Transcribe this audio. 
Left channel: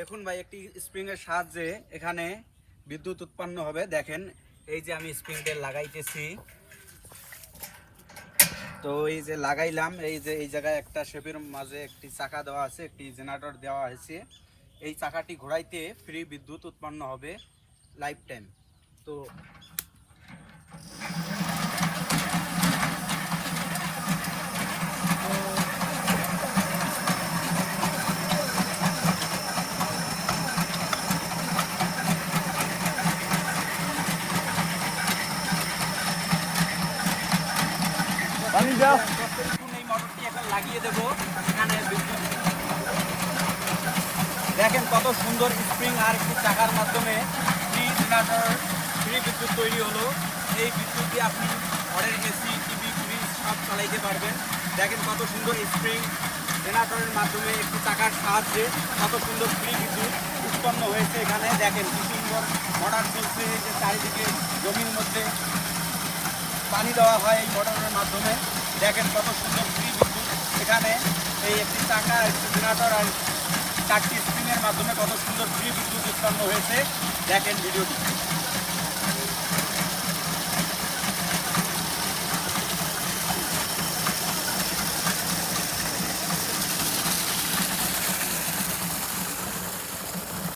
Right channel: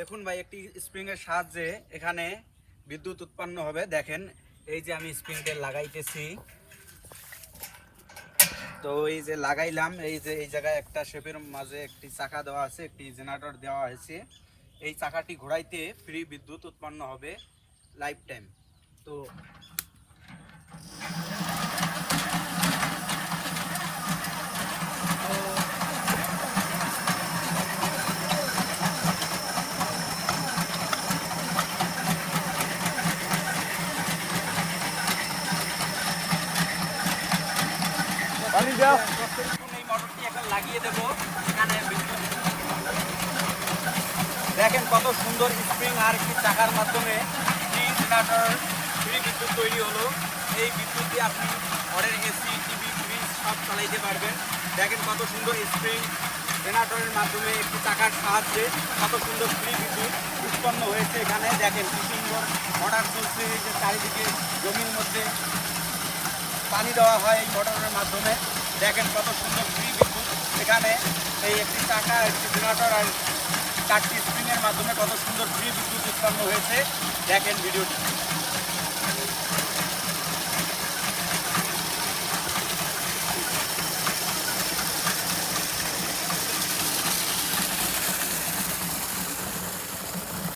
দেখুন ভাই, একটি স্প্রিং এর সাহায্যে এখানে বিদ্যুৎ উৎপন্ন হবে। দেখেন, এই যে আমি স্প্রিংটা লাগাইতেছি, তো এই যে লাগাইলাম, এই যে এই জায়গায় একটা শেপের মাঝে একটি চাকা দেওয়া আছে, একটি জেনারেটর দেওয়া হয়েছে। এই চাকাটি ঘোরাইতে ফ্রি বিদ্যুৎ উৎপন্ন হবে লাইফ টাইম। তো লাগিয়ে দেবো এখানে। দেখেন কত সুন্দর স্প্রিং আর একটি চাকার মাধ্যমে ফ্রি বিদ্যুৎ তৈরি হলো। এই বিদ্যুৎ দিয়ে আপনি ঘরের এসি, টিভি, ফ্রিজ সব চালাইতে পারবেন। দেখেন কত সুন্দর স্প্রিং জেনারেটরের মাধ্যমে একটি চাকার সাহায্যে কত সুন্দর ফ্রি বিদ্যুৎ উৎপন্ন হয়েছে এখানে। দেখেন কি সুন্দর মোটর চলছে, যে চারিদিকে জমির মধ্যে পানি দেওয়া হয় মোটরের মাধ্যমে। দেখেন কত সুন্দর ফ্রি বিদ্যুৎ এখানে। এই একটি চাকা, একটি জেনারেটর আর 4টি স্প্রিংয়ের মাধ্যমে কত সুন্দর ফ্রি বিদ্যুৎ উৎপন্ন হয়েছে। দেখেন ভিডিওটি।